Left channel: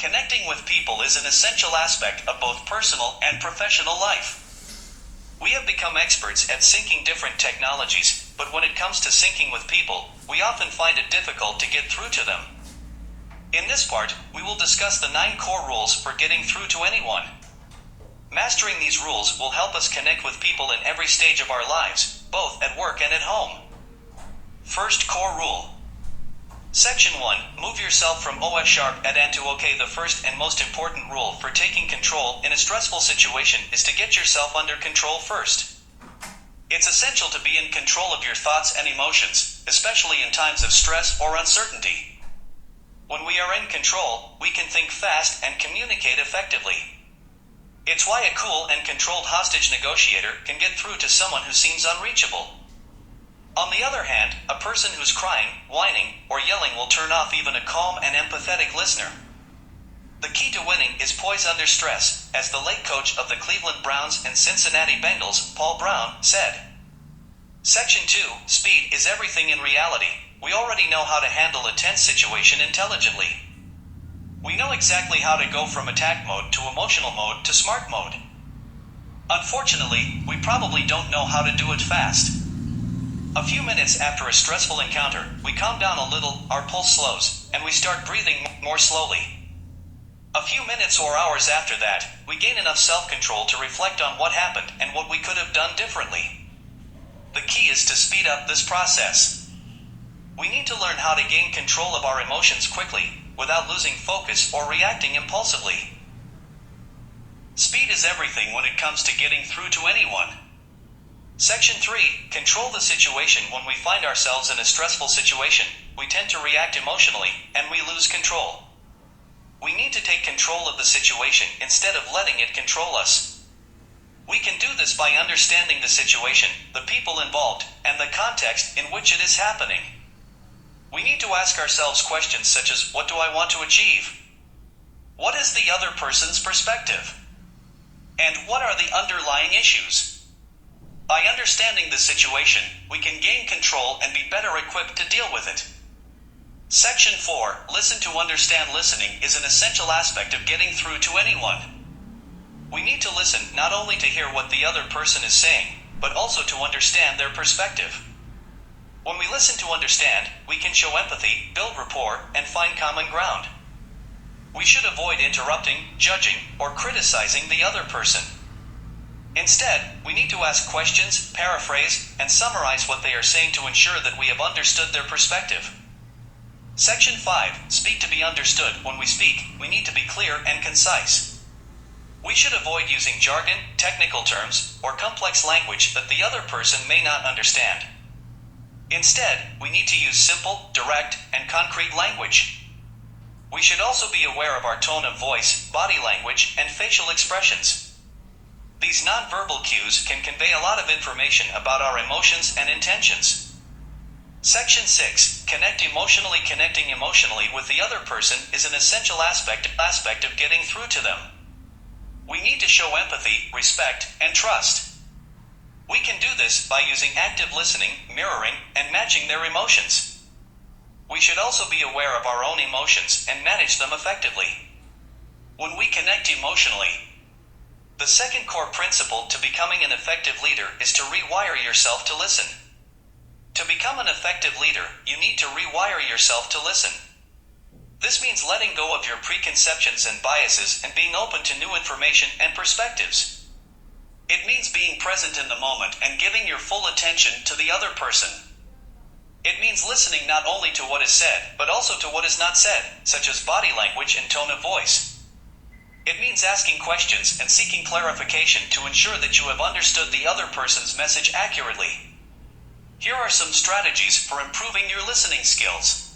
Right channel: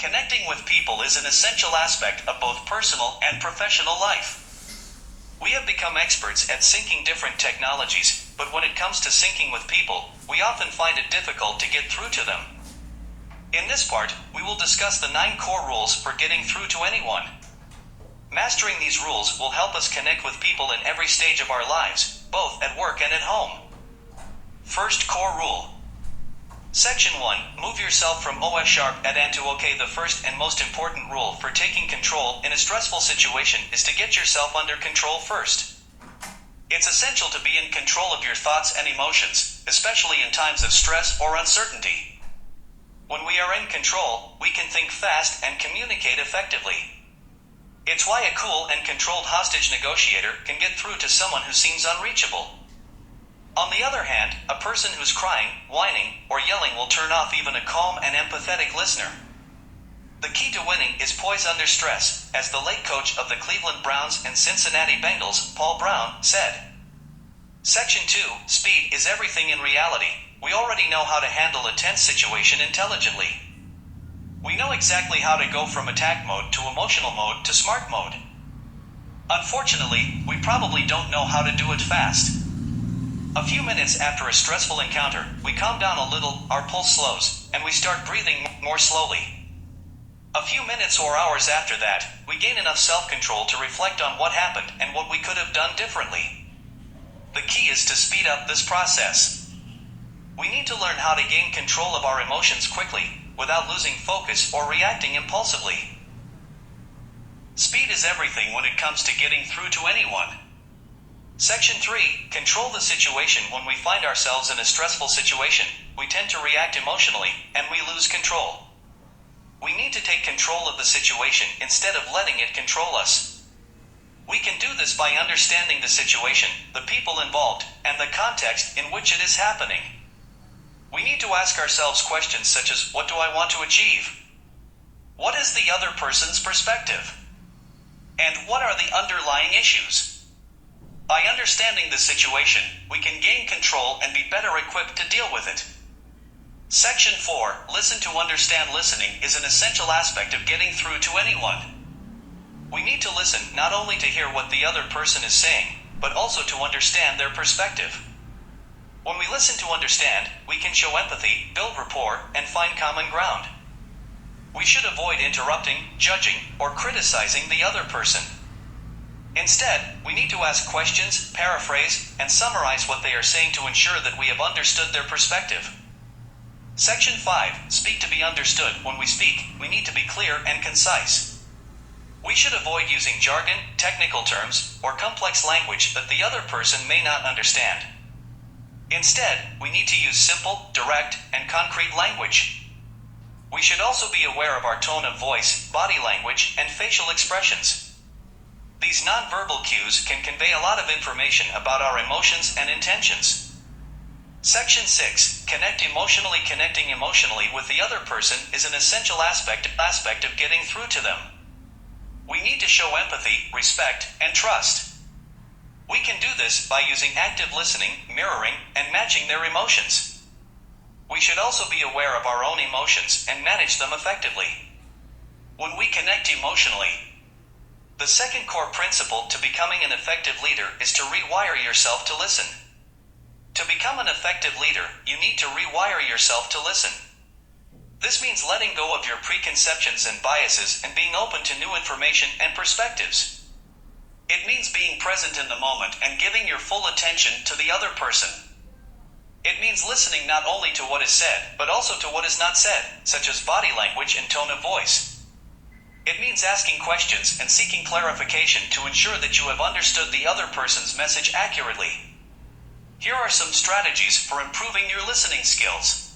Connecting with people is an essential aspect of both personal and professional life. We have become experts at syncing different technologies, but when it comes to syncing with people, we often find it difficult to get through to them. In this part, we will discuss the 9 core rules for getting through to anyone. Mastering these rules will help us connect with people in every stage of our lives, both at work and at home. First core rule. Section 1. Move yourself from OS sharp at and to OK. The first and most important rule for taking control in a stressful situation is to get yourself under control first. It's essential to be in control of your thoughts and emotions, especially in times of stress or uncertainty. When we are in control, we can think fast and communicate effectively. It's why a cool and controlled hostage negotiator can get through to someone who seems unreachable. On the other hand, a person who's crying, whining, or yelling will turn off even a calm and empathetic listener. The key to winning is poise under stress, as the late coach of the Cleveland Browns and Cincinnati Bengals, Paul Brown, said. Section 2. Speed is everything in reality. We already know how to handle a tense situation intelligently. We know exactly how to go from attack mode to emotional mode to smart mode. Unfortunately, we probably don't know how to do it fast. A few minutes after a stressful encounter, we calm down a little, our pulse slows, and we start breathing more slowly. A few minutes or hours after that, we gain enough self-control to reflect on what happened and what we could have done differently. The key is to speed up this process. We need to learn how to gain control of our emotions quickly, without losing focus or reacting impulsively. Speed is everything when it comes to getting through to anyone. Section 3. Control the situation. When we find ourselves in a stressful situation, we tend to react emotionally, and we lose control. We need to take control of the situation instead of letting it control us. We can do this by understanding the situation, the people involved, and the context in which it is happening. We need to ask ourselves questions such as, what do I want to achieve? What is the other person's perspective? And what are the underlying issues? By understanding the situation, we can gain control and be better equipped to deal with it. Section 4. Listen to understand. Listening is an essential aspect of getting through to anyone. We need to listen not only to hear what the other person is saying, but also to understand their perspective. When we listen to understand, we can show empathy, build rapport, and find common ground. We should avoid interrupting, judging, or criticizing the other person. Instead, we need to ask questions, paraphrase, and summarize what they are saying to ensure that we have understood their perspective. Section 5. Speak to be understood. When we speak, we need to be clear and concise. We should avoid using jargon, technical terms, or complex language that the other person may not understand. Instead, we need to use simple, direct, and concrete language. We should also be aware of our tone of voice, body language, and facial expressions. These nonverbal cues can convey a lot of information about our emotions and intentions. Section 6. Connect emotionally. Connecting emotionally with the other person is an essential aspect of getting through to them. We need to show empathy, respect, and trust. We can do this by using active listening, mirroring, and matching their emotions. We should also be aware of our own emotions and manage them effectively. When we connect emotionally, the second core principle to becoming an effective leader is to rewire yourself to listen. To become an effective leader, you need to rewire yourself to listen. This means letting go of your preconceptions and biases and being open to new information and perspectives. It means being present in the moment and giving your full attention to the other person. It means listening not only to what is said, but also to what is not said, such as body language and tone of voice. It means asking questions and seeking clarification to ensure that you have understood the other person's message accurately. Here are some strategies for improving your listening skills.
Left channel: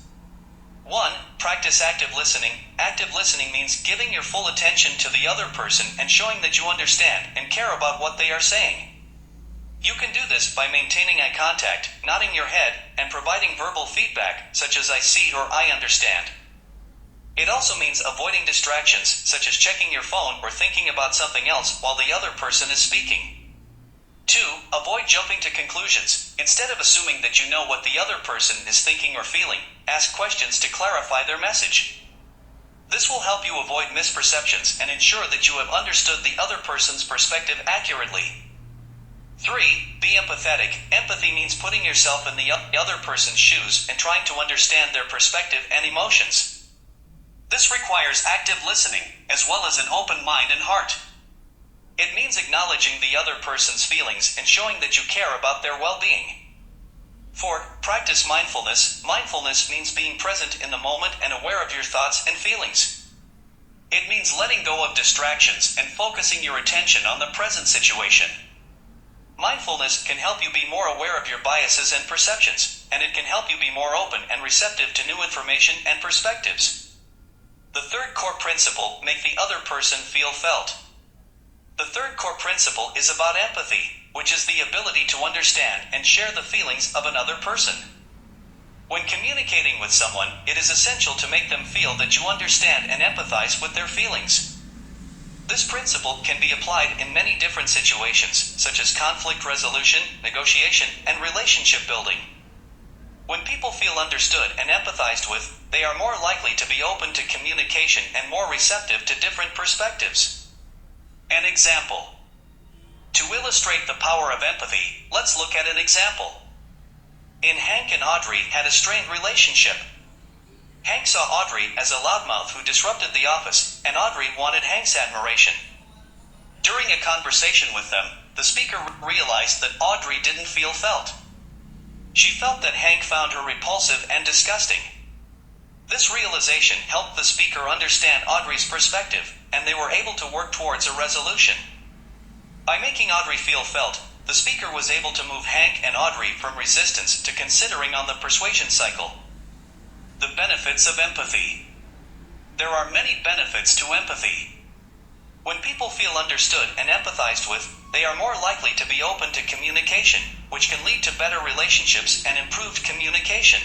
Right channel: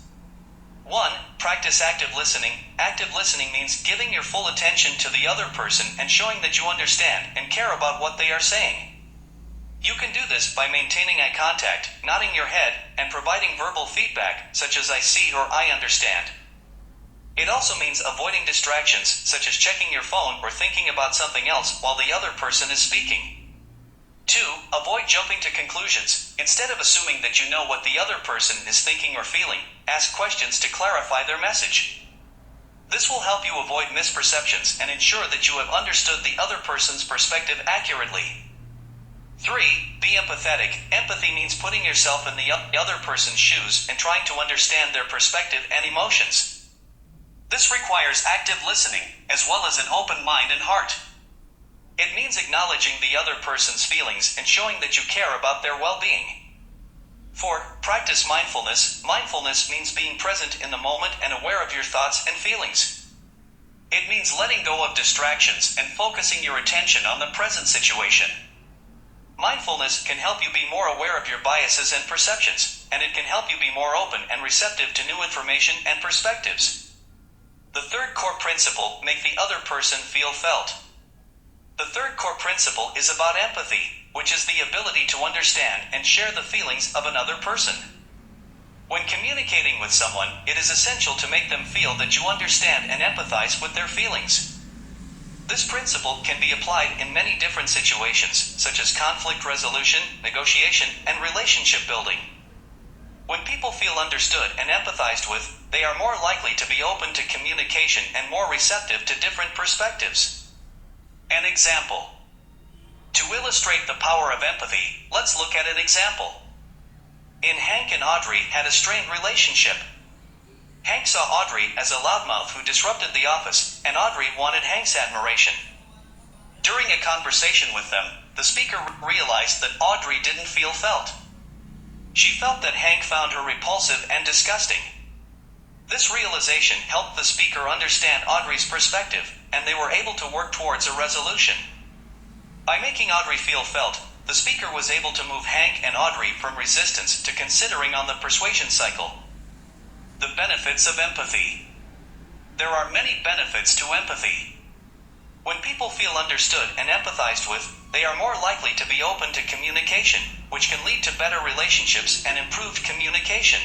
1. Practice active listening. Active listening means giving your full attention to the other person and showing that you understand and care about what they are saying. You can do this by maintaining eye contact, nodding your head, and providing verbal feedback, such as I see or I understand. It also means avoiding distractions, such as checking your phone or thinking about something else while the other person is speaking. 2. Avoid jumping to conclusions. Instead of assuming that you know what the other person is thinking or feeling, ask questions to clarify their message. This will help you avoid misperceptions and ensure that you have understood the other person's perspective accurately. 3. Be empathetic. Empathy means putting yourself in the other person's shoes and trying to understand their perspective and emotions. This requires active listening, as well as an open mind and heart. It means acknowledging the other person's feelings and showing that you care about their well-being. 4. Practice mindfulness. Mindfulness means being present in the moment and aware of your thoughts and feelings. It means letting go of distractions and focusing your attention on the present situation. Mindfulness can help you be more aware of your biases and perceptions, and it can help you be more open and receptive to new information and perspectives. The third core principle, make the other person feel felt. The third core principle is about empathy, which is the ability to understand and share the feelings of another person. When communicating with someone, it is essential to make them feel that you understand and empathize with their feelings. This principle can be applied in many different situations, such as conflict resolution, negotiation, and relationship building. When people feel understood and empathized with, they are more likely to be open to communication and more receptive to different perspectives. An example. To illustrate the power of empathy, let's look at an example. Hank and Audrey had a strained relationship. Hank saw Audrey as a loudmouth who disrupted the office, and Audrey wanted Hank's admiration. During a conversation with them, the speaker realized that Audrey didn't feel felt. She felt that Hank found her repulsive and disgusting. This realization helped the speaker understand Audrey's perspective, and they were able to work towards a resolution. By making Audrey feel felt, the speaker was able to move Hank and Audrey from resistance to considering on the persuasion cycle. The benefits of empathy. There are many benefits to empathy. When people feel understood and empathized with, they are more likely to be open to communication, which can lead to better relationships and improved communication.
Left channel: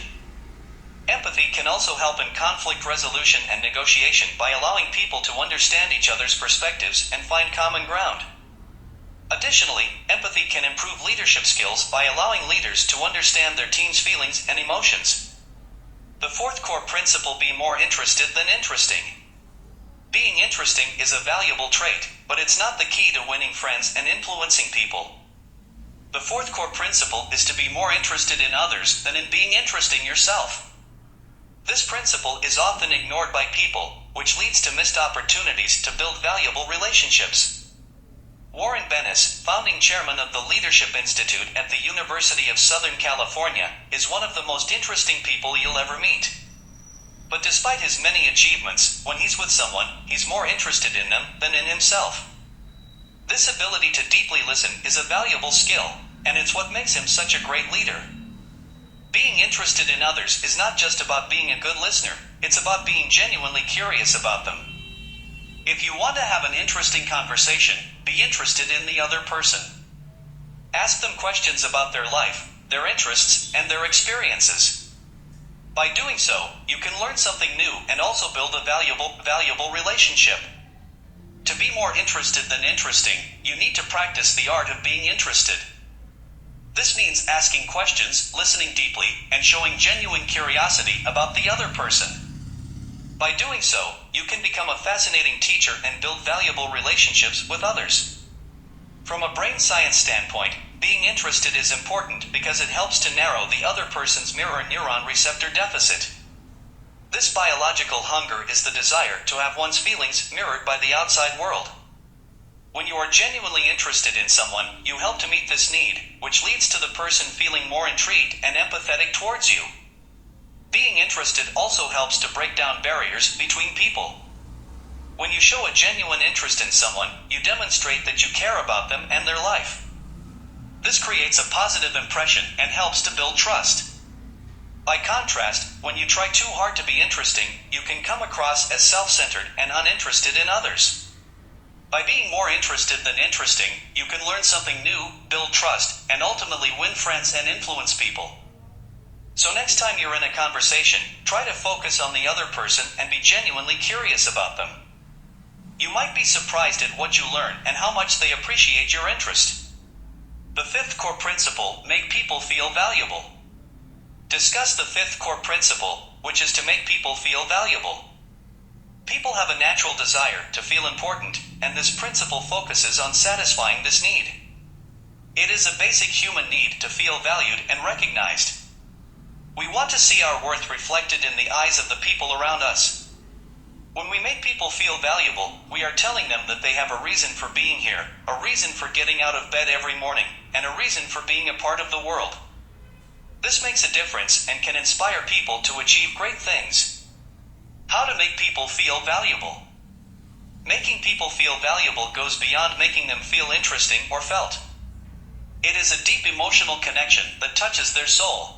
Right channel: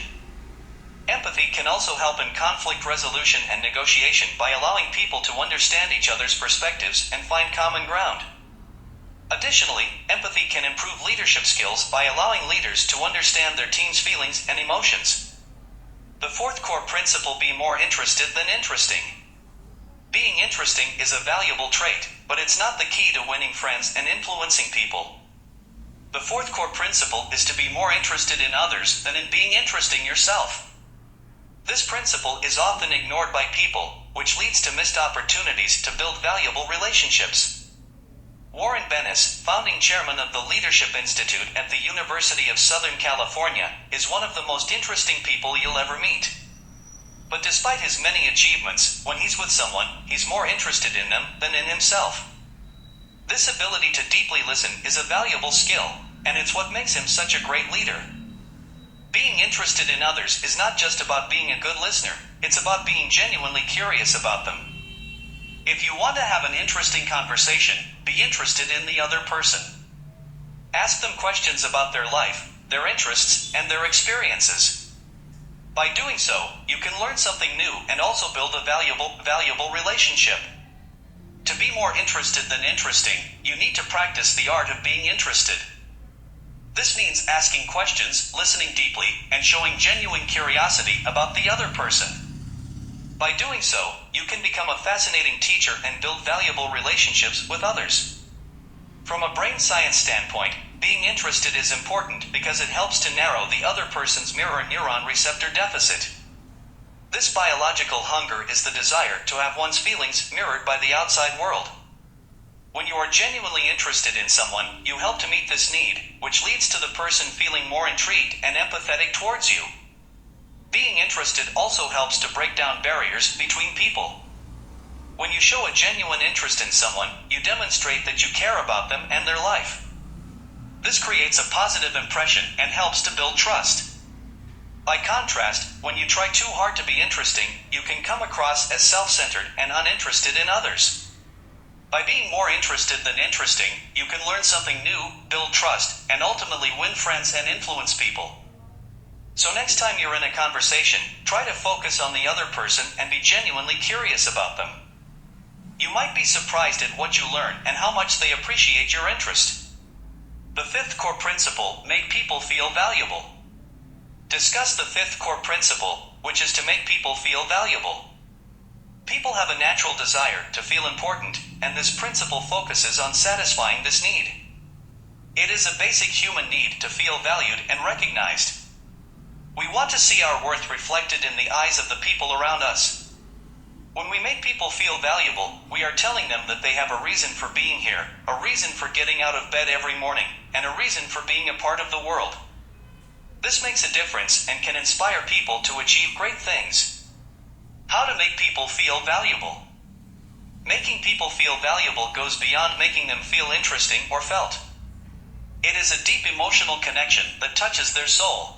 Empathy can also help in conflict resolution and negotiation by allowing people to understand each other's perspectives and find common ground. Additionally, empathy can improve leadership skills by allowing leaders to understand their team's feelings and emotions. The fourth core principle, be more interested than interesting. Being interesting is a valuable trait, but it's not the key to winning friends and influencing people. The fourth core principle is to be more interested in others than in being interesting yourself. This principle is often ignored by people, which leads to missed opportunities to build valuable relationships. Warren Bennis, founding chairman of the Leadership Institute at the University of Southern California, is one of the most interesting people you'll ever meet. But despite his many achievements, when he's with someone, he's more interested in them than in himself. This ability to deeply listen is a valuable skill, and it's what makes him such a great leader. Being interested in others is not just about being a good listener, it's about being genuinely curious about them. If you want to have an interesting conversation, be interested in the other person. Ask them questions about their life, their interests, and their experiences. By doing so, you can learn something new and also build a valuable relationship. To be more interested than interesting, you need to practice the art of being interested. This means asking questions, listening deeply, and showing genuine curiosity about the other person. By doing so, you can become a fascinating teacher and build valuable relationships with others. From a brain science standpoint, being interested is important because it helps to narrow the other person's mirror neuron receptor deficit. This biological hunger is the desire to have one's feelings mirrored by the outside world. When you are genuinely interested in someone, you help to meet this need, which leads to the person feeling more intrigued and empathetic towards you. Being interested also helps to break down barriers between people. When you show a genuine interest in someone, you demonstrate that you care about them and their life. This creates a positive impression and helps to build trust. By contrast, when you try too hard to be interesting, you can come across as self-centered and uninterested in others. By being more interested than interesting, you can learn something new, build trust, and ultimately win friends and influence people. So next time you're in a conversation, try to focus on the other person and be genuinely curious about them. You might be surprised at what you learn and how much they appreciate your interest. The fifth core principle, make people feel valuable. Discuss the fifth core principle, which is to make people feel valuable. People have a natural desire to feel important, and this principle focuses on satisfying this need. It is a basic human need to feel valued and recognized. We want to see our worth reflected in the eyes of the people around us. When we make people feel valuable, we are telling them that they have a reason for being here, a reason for getting out of bed every morning, and a reason for being a part of the world. This makes a difference and can inspire people to achieve great things. How to make people feel valuable. Making people feel valuable goes beyond making them feel interesting or felt. It is a deep emotional connection that touches their soul.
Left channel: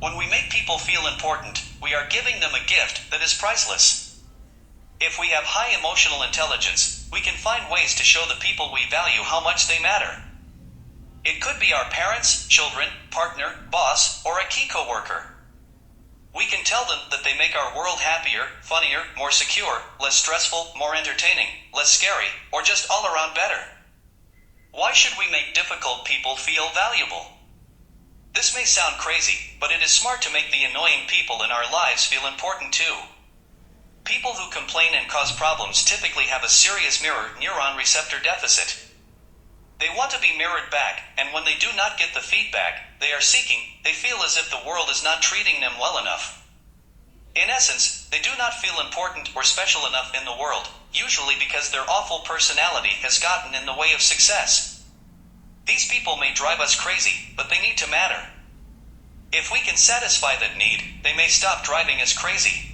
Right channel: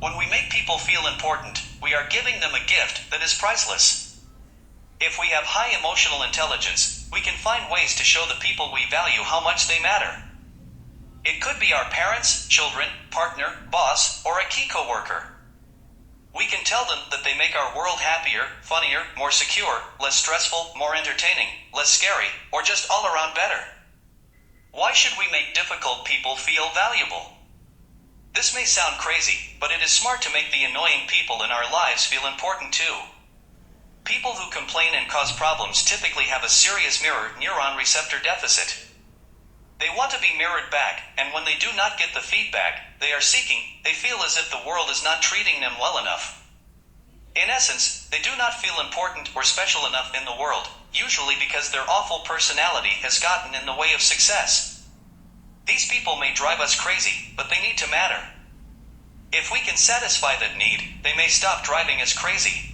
When we make people feel important, we are giving them a gift that is priceless. If we have high emotional intelligence, we can find ways to show the people we value how much they matter. It could be our parents, children, partner, boss, or a key coworker. We can tell them that they make our world happier, funnier, more secure, less stressful, more entertaining, less scary, or just all around better. Why should we make difficult people feel valuable? This may sound crazy, but it is smart to make the annoying people in our lives feel important too. People who complain and cause problems typically have a serious mirror neuron receptor deficit. They want to be mirrored back, and when they do not get the feedback they are seeking, they feel as if the world is not treating them well enough. In essence, they do not feel important or special enough in the world, usually because their awful personality has gotten in the way of success. These people may drive us crazy, but they need to matter. If we can satisfy that need, they may stop driving us crazy.